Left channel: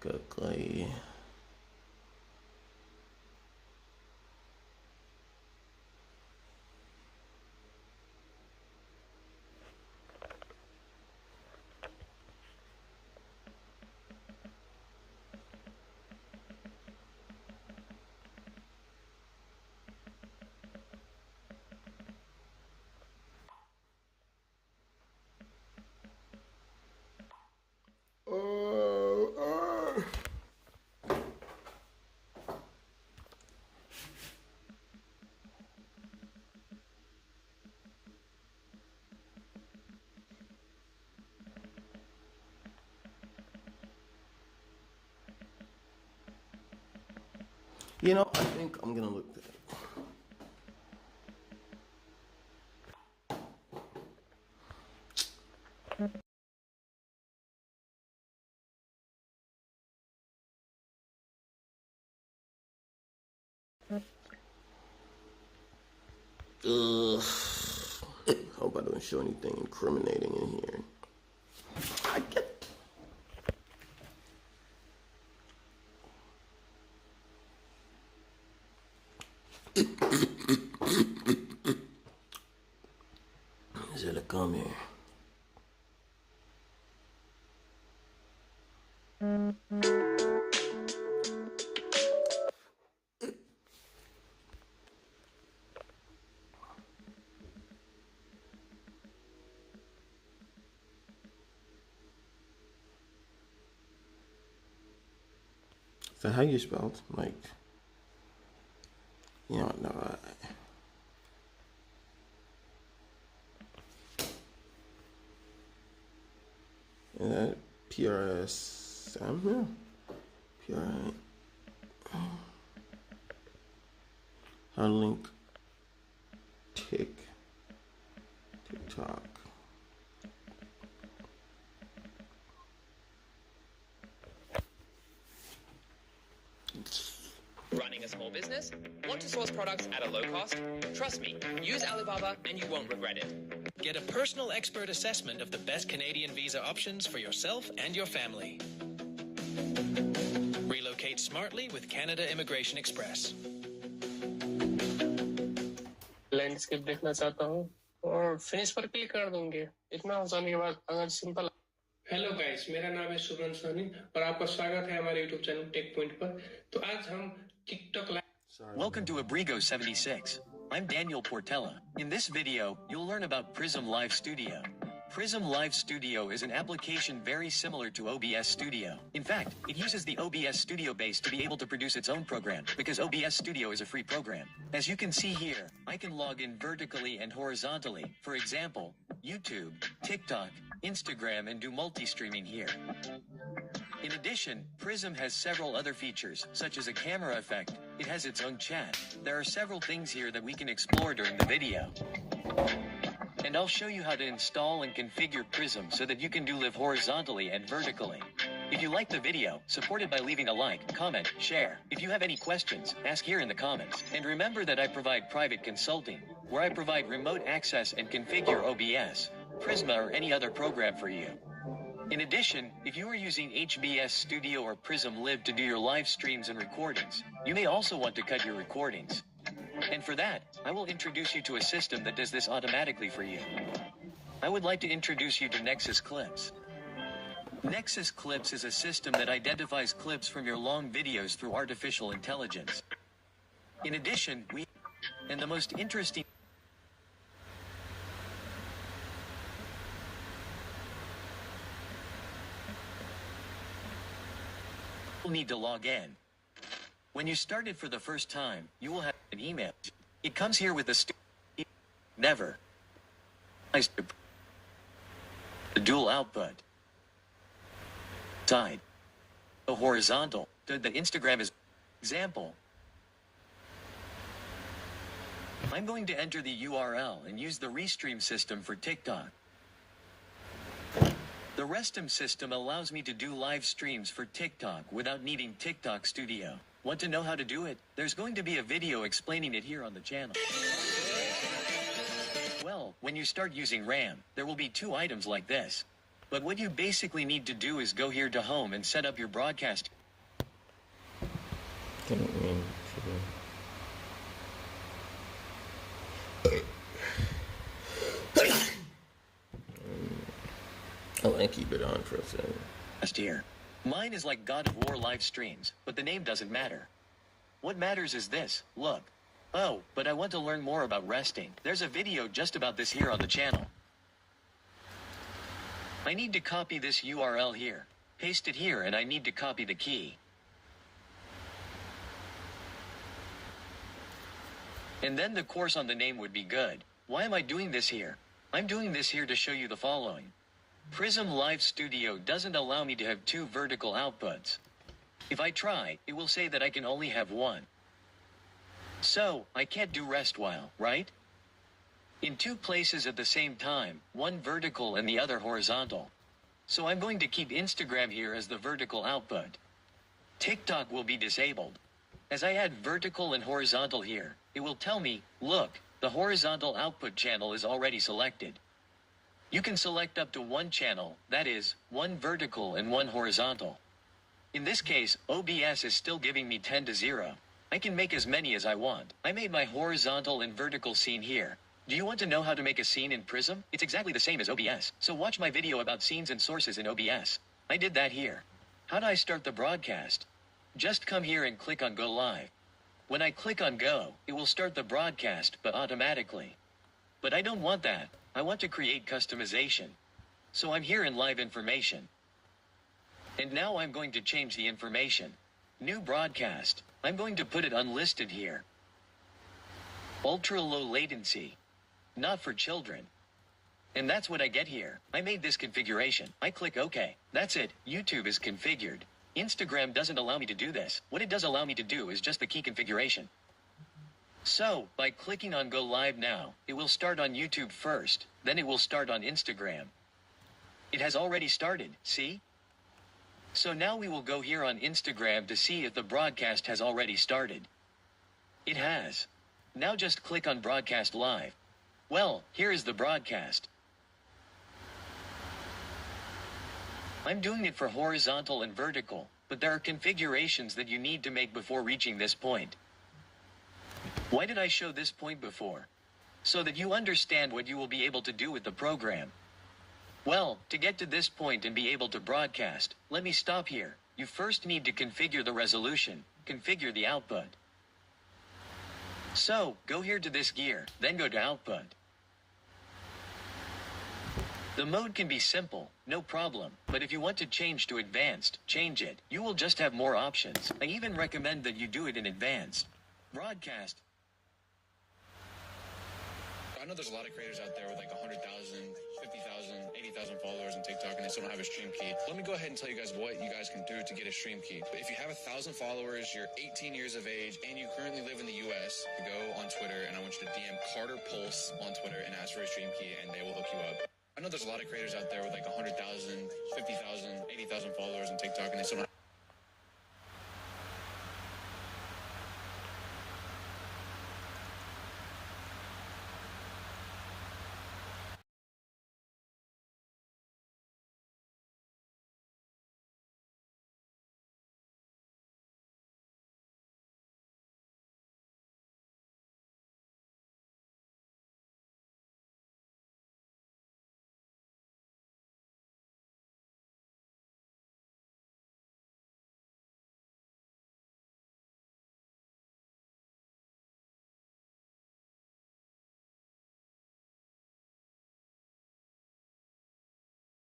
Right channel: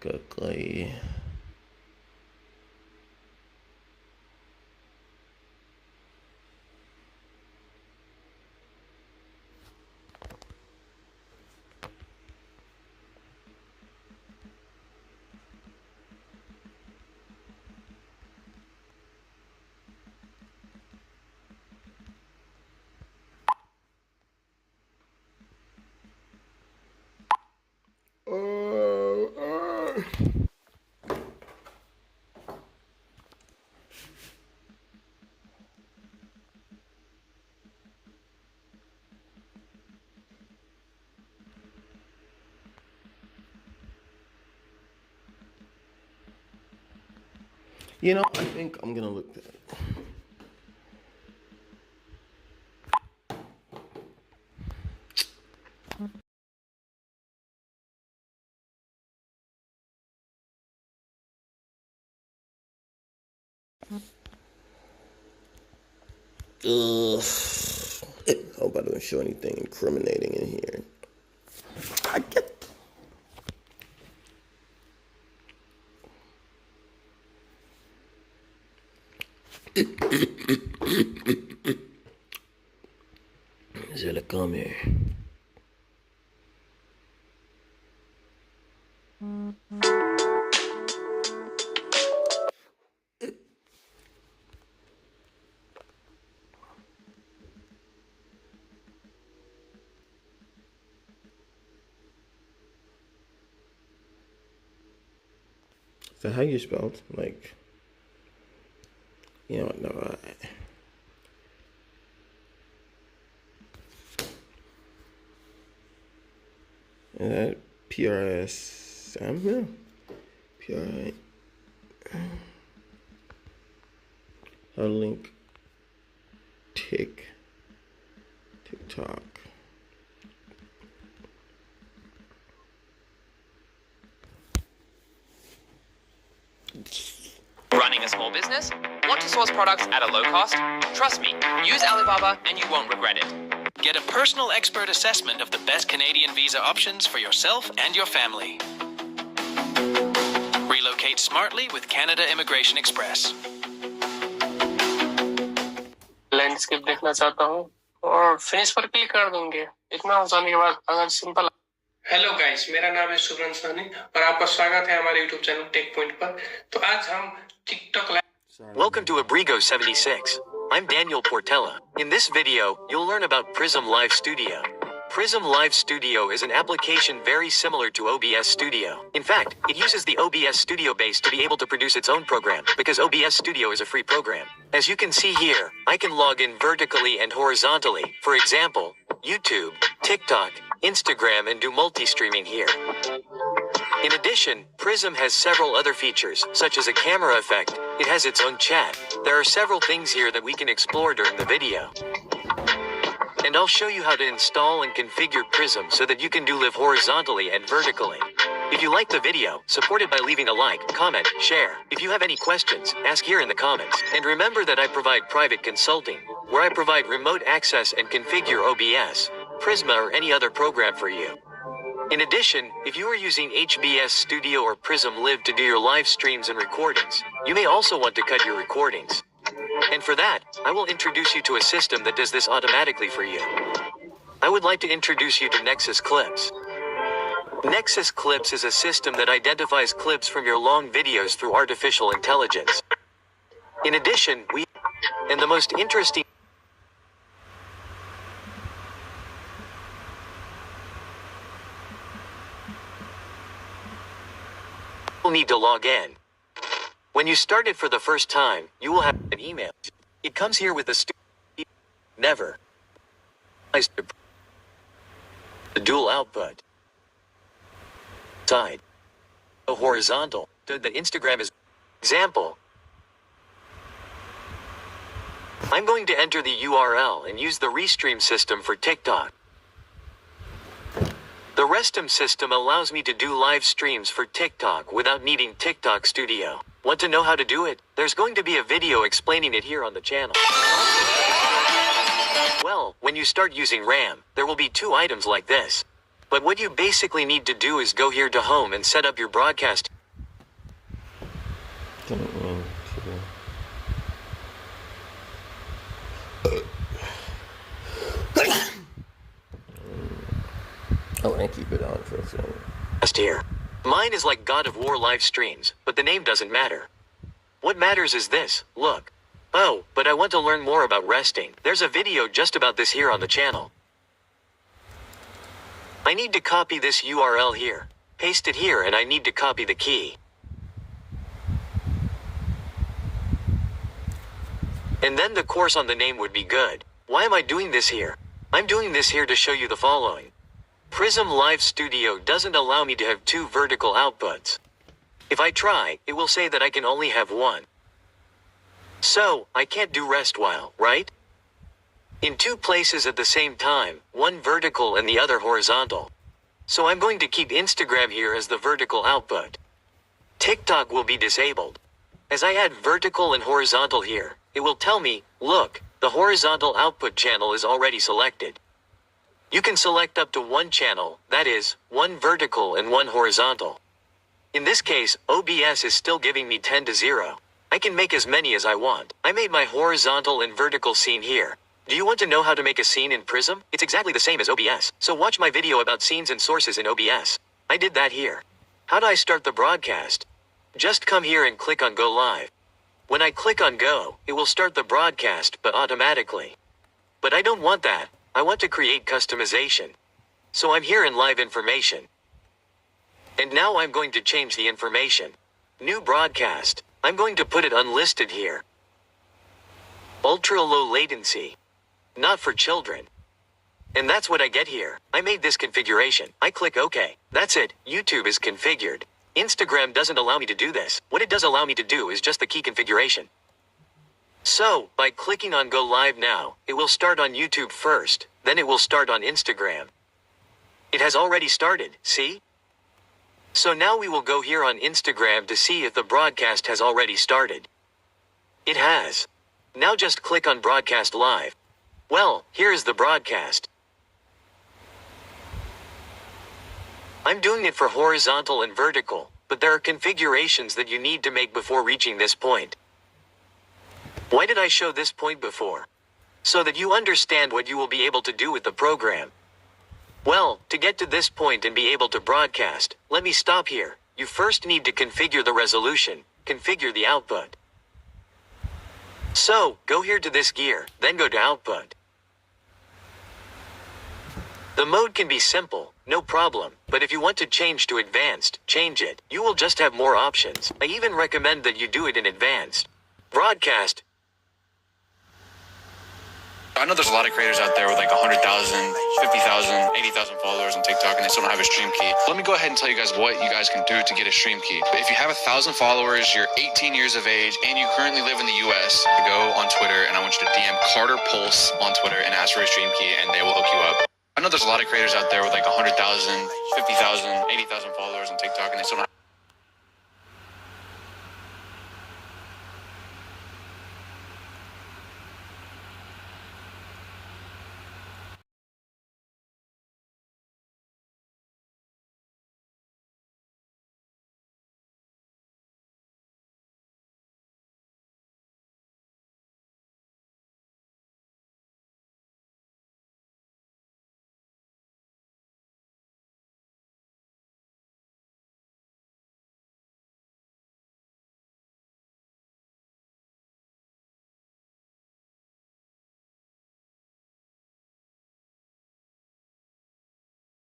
Kakay. You know, I think I'm gonna look that. Ugh. Hope I don't show anything incriminating in here. I get. Je le come. Is that how you spelled? Like, you know, no. PRSM, yeah. PRI. Our link. TikTok. Running a small business? Want to source products at a low cost? Trust me, use Alibaba and you won't regret it. Get a personal expert assessment of the best Canadian visa options for yourself and your family. Relocate smartly with Canada Immigration Express. Landscape देखना चाहता हूँ और finish पर click कर दूंगे। इतना हो जाने के बाद अगर सिंपल। हेलो गाइस, मेरा नाम है सुब्रन सानी और आपका स्वागत है हमारे YouTube चैनल टेक पॉइंट पर। तो आज हम TikTok. Welcome to Abrigo 76. I'm Daniel Portela. In this video, you'll learn about Prism Live Studio. Prism Live Studio is an application very similar to OBS Studio. In fact, it uses the OBS Studio base to be able to produce its own program, because OBS Studio is a free program. As you can see here, I can log in vertically and horizontally. For example, YouTube, TikTok, Instagram, and do multi-streaming here. In addition, Prism has several other features, such as a camera effect. It has its own chat. There are several things here that we can explore during the video. And I'll show you how to install and configure Prism so that you can do live horizontally and vertically. If you like the video, support it by leaving a like, comment, share. If you have any questions, ask here in the comments. And remember that I provide private consulting, where I provide remote access and configure OBS, Prisma, or any other program for you. In addition, if you are using HBS Studio or Prism Live to do your live streams and recordings, you may also want to cut your recordings. And for that, I will introduce you to a system that does this automatically for you. I would like to introduce you to Nexus Clips. Nexus Clips is a system that identifies clips from your long videos through artificial intelligence. In addition, and the most interesting, you'll need to log in. When you start it for the first time, you will have an email. It comes here with a never. The dual output. Side. The horizontal. The Instagram is example. I'm going to enter the URL and use the Restream system for TikTok. The Restum system allows me to do live streams for TikTok without needing TikTok Studio. Want to know how to do it? There's going to be a video explaining it here on the channel. Well, when you start using RAM, there will be two items like this. But what you basically need to do is go here to home and set up your broadcast. I want to keep it on for a second. Here. Mine is like God of War live streams, but the name doesn't matter. What matters is this, look. Oh, but I want to learn more about resting. There's a video just about this here on the channel. I need to copy this URL here, paste it here, and I need to copy the key. And then the course on the name would be good. Why am I doing this here? I'm doing this here to show you the following. Prism Live Studio doesn't allow me to have 2 vertical outputs. If I try, it will say that I can only have 1. So, I can't do rest while, right? In 2 places at the same time, one vertical and the other horizontal. So I'm going to keep Instagram here as the vertical output. TikTok will be disabled. As I add vertical and horizontal here, it will tell me, look, the horizontal output channel is already selected. You can select up to 1 channel, that is, 1 vertical and 1 horizontal. In this case, OBS is still giving me 10-0. I can make as many as I want. I made my horizontal and vertical scene here. Do you want to know how to make a scene in Prism? It's exactly the same as OBS, so watch my video about scenes and sources in OBS. I did that here. How do I start the broadcast? Just come here and click on Go Live. When I click on Go, it will start the broadcast, but automatically. But I don't want that. I want to create customization. So I'm here in Live Information. And now I'm going to change the information. New broadcast. I'm going to put it unlisted here. Ultra low latency. Not for children. And that's what I get here. I made this configuration. I click OK. That's it. YouTube is configured. Instagram doesn't allow me to do this. What it does allow me to do is just the key configuration. So, by clicking on Go Live now, it will start on YouTube first, then it will start on Instagram. It has already started, see? So now we will go here on Instagram to see if the broadcast has already started. It has. Now just click on Broadcast Live. Well, here is the broadcast. I'm doing it for horizontal and vertical, but there are configurations that you need to make before reaching this point. Why did I show this point before? So that you understand what you will be able to do with the program. Well, to get to this point and be able to broadcast, let me stop here. You first need to configure the resolution, configure the output. So, go here to this gear, then go to output. The mode can be simple, no problem, but if you want to change to advanced, change it. You will just have more options. I even recommend that you do it in advanced. Broadcast. I know there's a lot of creators out there with like 100,000, 50,000, 80,000 followers on TikTok and they still don't have a stream key. Let me go ahead and tell you guys what you guys can do to get a stream key. If you have 1,000 followers, you're 18 years of age, and you currently live in the US, go on Twitter and I want you to DM Carter Pulse on Twitter and ask for a stream key and they will hook you up. I know there's a lot of creators out there with like 100,000, 50,000, 80,000 followers on TikTok and they still don't